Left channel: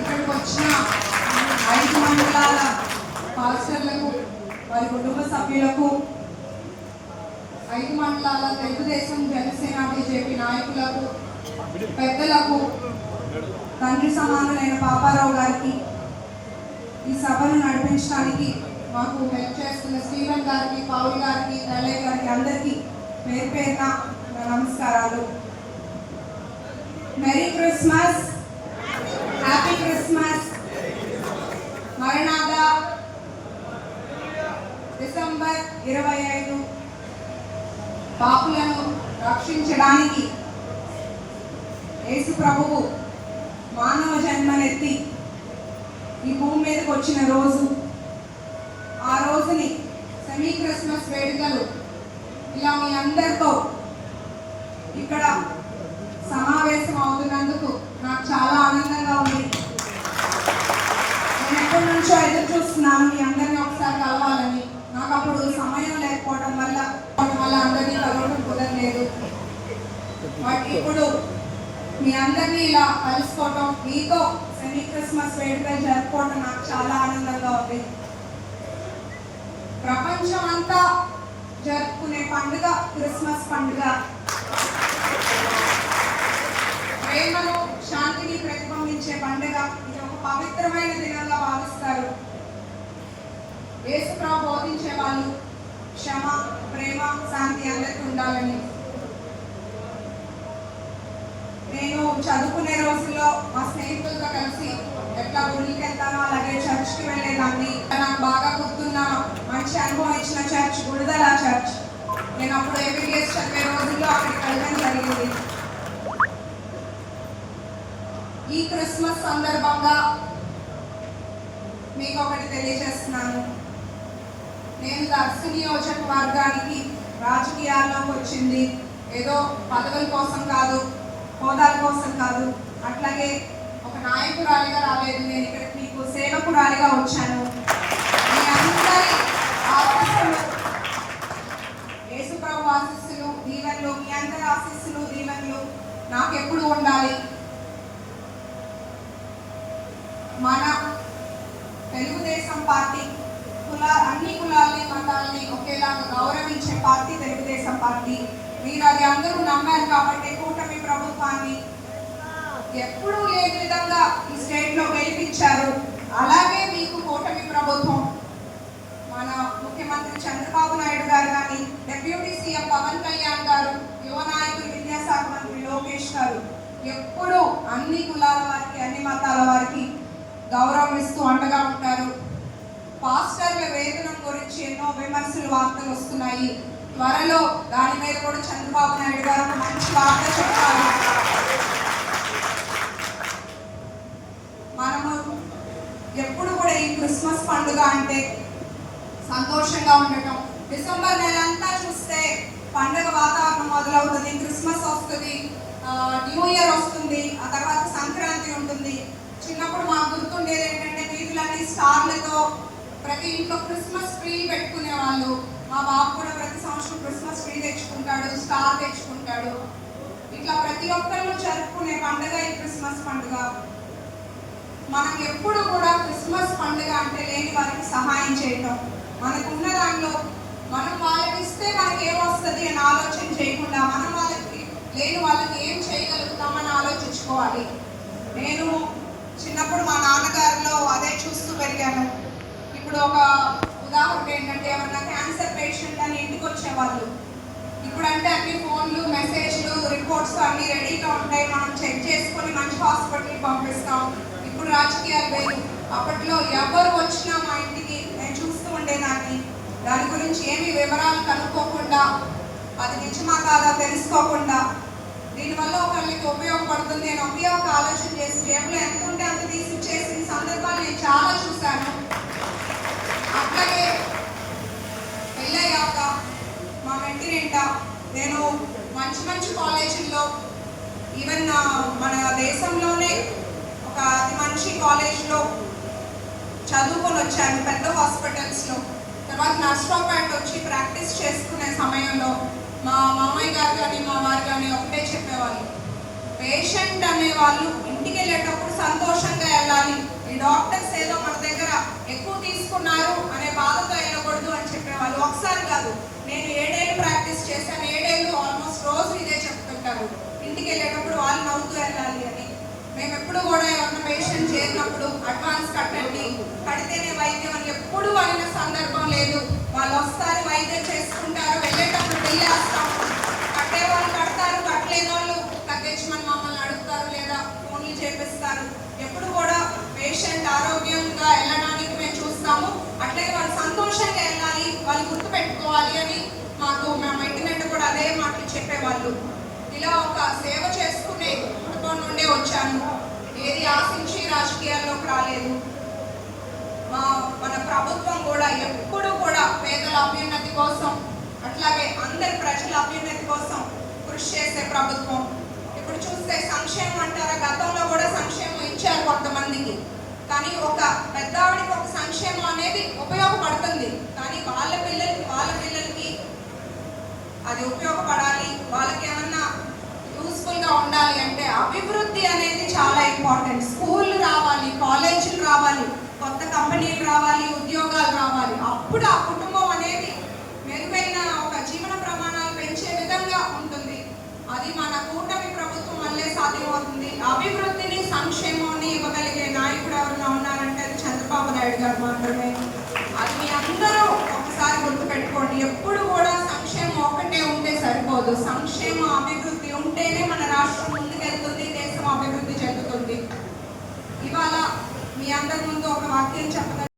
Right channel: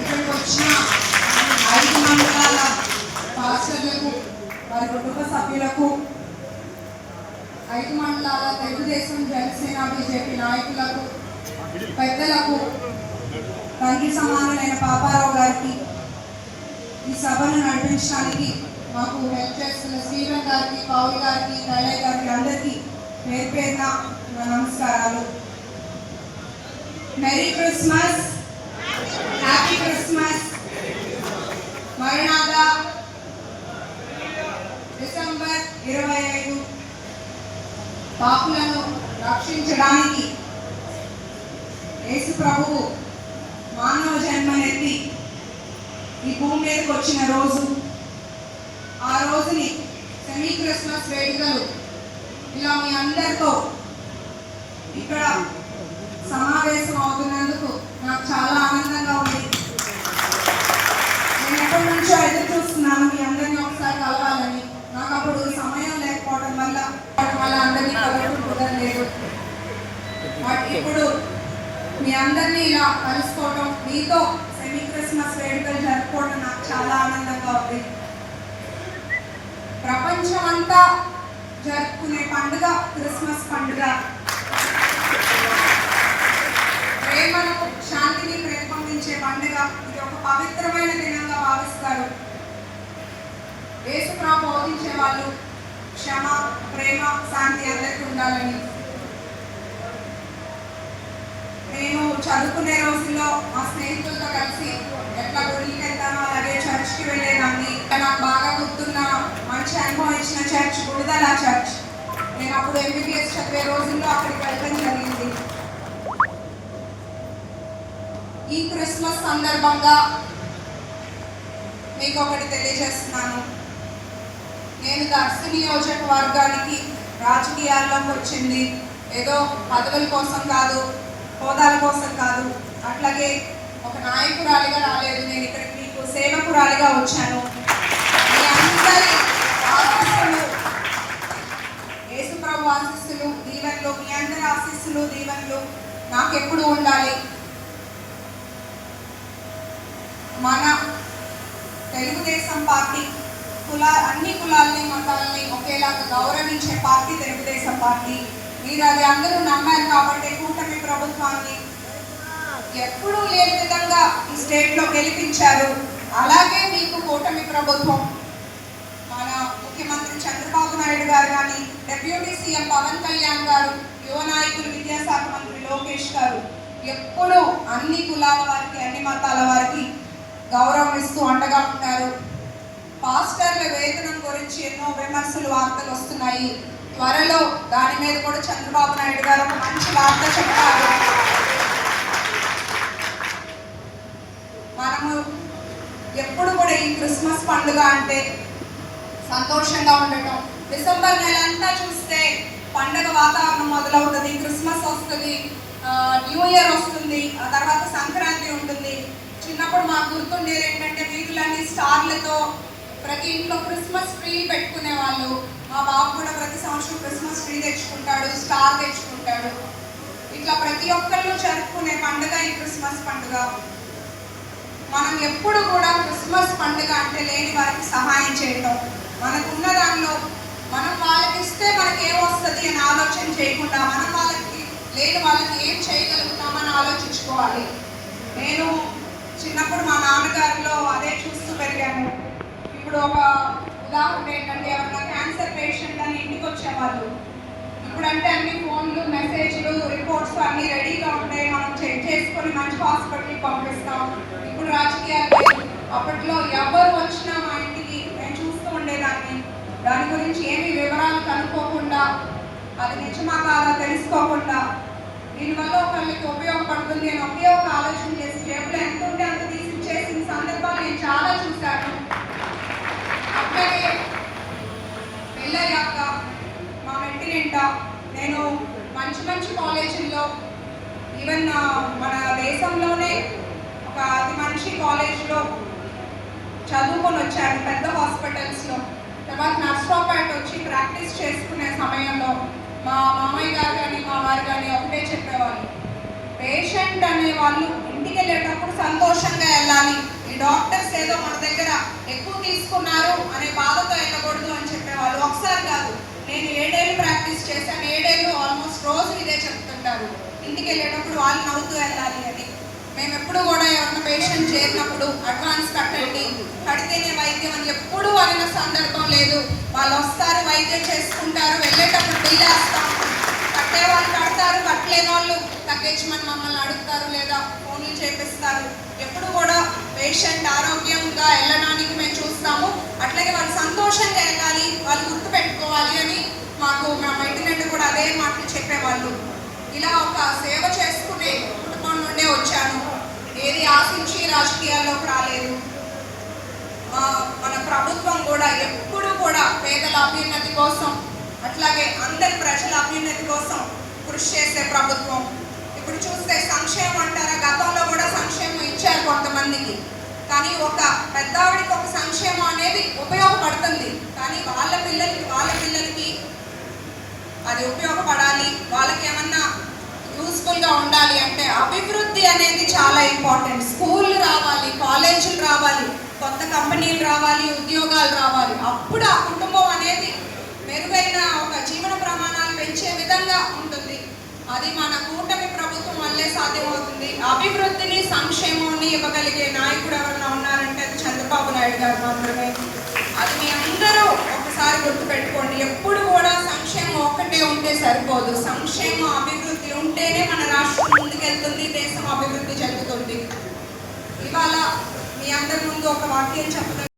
ఇక్కడికి వచ్చిన ఐదు మండలాల పాస్టర్లకు వారి కుటుంబ సభ్యులకు ఐదు మండలాల తెలుగుదేశం జనసేన బీజేపీ నాయకులకు పెద్దలకు తండ్రి సమానులైన పాపారావు గారికి ఈ సభను నడిపించడానికి మాకు హెల్ప్ చేస్తున్న స్టీవెన్ గారికి పౌల్ గారికి కళ్యాణ్ గారికి అందరికీ పేరు పేరున నమస్కారాలు. మెరీ క్రిస్మస్ హ్యాపీ క్రిస్మస్ మరణాద డిసెంబర్ ఇరవై ఐదు. పాపులను రక్షించడానికి యేసు ప్రభువు మానవ జన్మనెత్తి ఈ భూమి మీదకి వచ్చిన రోజు ఆ రోజుని సెమీ క్రిస్మస్ వేడుకలు ఇలా మీ అందరితో ఇక్కడ సమావేశం అవుతున్నందుకు నాకు చాలా ఆనందంగా ఉంది. నేను ఎప్పటి నుంచో ఎదురు చూస్తున్నాను మీ అందరినీ ఒకసారి కలవాలని. నాకు అప్పుడు సమయం లేకపోవడం వల్ల వాటి వల్ల అందరినీ కలవడం కుదరలేదు బట్ ఇప్పుడు మీ అందరినీ ఇలా కలుసుకోవడం మీతో సెమీ క్రిస్మస్ వేడుకలు జరుపుకోవడం నాకు చాలా ఆనందంగా ఉంది. ప్రపంచం అంతా జరుపుకునే పండుగ క్రిస్మస్ పండుగ. పవిత్రమైన దినంగా భావిస్తారు. యేసుప్రా బోధించే వాళ్ళు క్షమ ప్రేమ శాంతి అందరికీ ఉండాలని. నేను చదువుకునే రోజుల్లో మా స్నేహితులతో కలిసి ఎట్లా గుడికి వెళ్తానో అలాగే చర్చ్కి వెళ్ళేదాన్ని. ఈ క్రిస్మస్ సందర్భంగా మీకు ఒకటి తెలియజేస్తున్నాను. నేను దర్శ నియోజకవర్గానికి రాజకీయాల్లోకి వచ్చింది. ఏదో పదవుల కోసం కాదు హోదాల కోసం కాదు. అట్లాగే ఒక నాయకురాలిగా రాలేదు. నేను ఇక్కడికి మీకు సేవకురాలిగా వచ్చాను. మీ అందరి ఆశీస్సులు యేసుప్రభు ఆశీస్సులు దీవెనలు మీ అందరి ఆశీస్సులు దీవెనలు నాకు ఎప్పుడు ఉండాలి? మన తెలుగుదేశం పార్టీ కుల అన్ని కులాల్ని మతాలని ఒకేలాగా గౌరవించే పార్టీ తెలుగుదేశం పార్టీ. మీరు అది అందరూ నమ్మారు కాబట్టి కూటమి ప్రభుత్వాన్ని ఎప్పుడు లేని విధంగా ఈ స్టేట్లో గెలిపించారు అలాగే మీకు కూటమి ప్రభుత్వం. మన ముఖ్యమంత్రి చంద్రబాబు నాయుడు గారు కానీ డెప్యూటీ సీఎం పవన్ కళ్యాణ్ గారు యువ నాయకులు విద్యాశాఖ మంత్రి లోకేష్ గారు ఎప్పుడూ అన్ని కులాల వారికి అన్ని మతాల వారికి గౌరవం ఇస్తూ అండగా ఉంటారు. పాస్టర్ల వేతనం గురించి ఎన్నో విమర్శలు వార్తలు వస్తున్నాయి. త్వరలో దాని మీద కూడా చంద్రబాబు నాయుడు గారు ఒక మంచి వార్త చెప్తారు. మనము ఎప్పుడు కూడా ఈ క్రిస్మస్ పండుగ అంటే సంతోషంగా ఉండటం. డిసెంబర్ నెల అంతా చూస్తే పండగ వాతావరణం మొదలవుతుంది క్రిస్మస్ వస్తుంది న్యూ ఇయర్ వస్తుంది ఆ తర్వాత సంక్రాంతి ఉంటుంది. చిన్నప్పుడు మాకు గుర్తుండేది ఏంటంటే వీధులన్నీ స్టార్లతో ప్రతి ఇంట్లో క్రిస్మస్ ట్రీ పెట్టుకునే వాళ్ళు. మా బాబు కూడా ప్రతి సంవత్సరం క్రిస్మస్ ట్రీ తెచ్చుకుంటాడు స్టార్ తెచ్చుకుంటాడు. ఇట్లా ప్రతి ఒక్కళ్ళు జరుపుకునే పండుగ ఈ క్రిస్మస్ పండుగ. మనం ఎప్పుడు కూడా క్రిస్మస్ పండుగ అంటే లేని వారికి సహాయం చేయటం. మనకున్న దానిలో మనం వాళ్ళకి ఇస్తే మనకి ఏమొస్తుంది అని ఆలోచన చేయకుండా మనం వాళ్ళకి లేని వాళ్ళకి ఏం చేయగలుగుతామని ఆలోచించుకోవాలి. నేను చిన్నప్పుడు మా నాన్నగారిలో అదే చూస్తూ పెరిగాను. ఇప్పుడు ఒక ఉదాహరణ ఏంటంటే ఎవరన్నా క్యాన్సర్ పేషెంట్ అని ఇంటికి వచ్చేవాళ్ళు. ఇప్పుడంటే అన్ని ఫోన్లు మెసేజ్లు రిపోర్ట్స్ అన్ని రెడీగా ఉంటాయి. మనం చెక్ చేసుకొని మంచి హాస్పిటల్కి పంపిస్తాం. ఇప్పుడు రాజకీయాలు అప్పట్లో ఎవరు వచ్చినా మా ఇంటికి నేను చూస్తూ ఉండేదాన్ని. దాని గురించి ఏమి వివరాలు కనుక్కోకుండా అది నిజమా కాదా తెలుసుకోకుండా దీనివల్ల ఒకళ్ళకి ఉపయోగం మంచి కాలేజీల్లో ఈవెన్ మన దేశంలోనే ఒక అతి మంచి కాలేజ్లో చదువుకొని వచ్చాను పెద్ద హాస్పిటల్స్లో. తర్వాత నర్సరావుపేట వచ్చి ప్రాక్టీస్ చేసుకునే సమయంలో మా మామయ్య గారు కానీ మా వారు కానీ ఒకటే చెప్పేవాళ్ళు. పేషెంట్ అనే వాళ్ళు ఇంటికి వెళ్ళేటప్పుడు సంతోషంగా వెళ్ళాలి. ఈ డాక్టర్స్ ఏదో మన దగ్గర ఎక్కువ తీసుకున్నారు అనే బాధతో వెళ్ళకూడదు అని చెప్పేవాళ్ళు. ఒకసారి కాదు నేను ఏడేళ్ళు ప్రాక్టీస్ చేశాను ఏడేళ్ళు ఆల్మోస్ట్ రోజు ఇదే చెప్తుంటారు ఇంటికి వెళ్ళేటప్పుడు వాళ్ళు నవ్వుతూ వెళ్ళాలి అని మేము ఎప్పుడు కూడా ఏమన్నా పేషెంట్ చేరినప్పుడు అడ్వాన్స్ కట్టండి. కడితేనే వైద్యం అని ఎప్పుడు అనిన సందర్భం లేదు. వాళ్ళు వస్తారు వైద్యం చేసుకుంటారు వెళ్ళేటప్పుడు బిల్లు వేస్తాం కట్టే వాళ్ళు కడతారు కట్టలేని వాళ్ళు తగ్గించమని మమ్మల్ని అడుగుతారు లేదా ఫోన్లు చేపిస్తారు. ఎప్పుడు కూడా పేషెంట్ ఆరోగ్యంగా వెళ్ళడానికి మేము చూస్తాము. అట్లాగే వాళ్ళు సంతోషంగా వెళ్ళాలి వాళ్ళు గుర్తు పెట్టుకోవాలి అని మాకు మా మైటినెంట్ కూడా అదే మాటలు చెప్పేవాళ్ళు. ఇలా ఒక సేవ చేసుకునే కుటుంబం నుండే వచ్చాను. ఏది ఆశించి రాజకీయాల్లోకి రాలేదు. మా మన ప్రభుత్వం కూడా ఎప్పుడు కూడా పేదల అభ్యున్నతి కోసం అట్లాగే అందరి ప్రజల అభ్యున్నతి కోసం కృషి చేసే ప్రభుత్వం. ఇప్పుడు చూస్తే సంక్షేమం అంటారా? గతంలో కూడా సంక్షేమం ఇచ్చారు కొంతమందికి. కానీ ఒక పెద్దవాడికి ఒక సంక్షేమం అనేది ఉపయోగపడుతుంది. కానీ వాళ్ళ పిల్లలకి వాళ్ళ పిల్లలకి అది ఉపయోగపడాలి. వాళ్ళకి ఏమన్నా యూస్ఫుల్గా ఉండాలి అంటే అభివృద్ధి అనేది చాలా ఇంపార్టెంట్ స్కూల్ రావాలి కాలేజీలు రావాలి కొత్త కంపెనీలు రావాలి ఉద్యోగాలు రావాలి. అప్పుడు ఆ కుటుంబం అనేది మెరుగైన ఒక జీవన ప్రమాణాలు పెంచే విధంగా ఉంటుంది. అది మన కూటమి ప్రభుత్వం వల్లే సాధ్యమవుతుంది. అభివృద్ధిని సంక్షేమాన్ని ఇవ్వగలిగే నాయకుడు ఎవరైనా ఉన్నారంటే అది చంద్రబాబు నాయుడు గారు మాత్రమే. అది మీ అందరూ ఒకసారి గుర్తుపెట్టుకోండి. ఎప్పుడు కూడా సంక్షేమం ఒక్కటే ఉంటే సరిపోదు. సంక్షేమం అభివృద్ధి ఉంటేనే మన రాష్ట్రం ముందుకెళ్తుంది దేశం అభివృద్ధి చెందుతుంది. ఇవాళ మీ అందరి ముందు ఒక వాక్యం చెప్పడం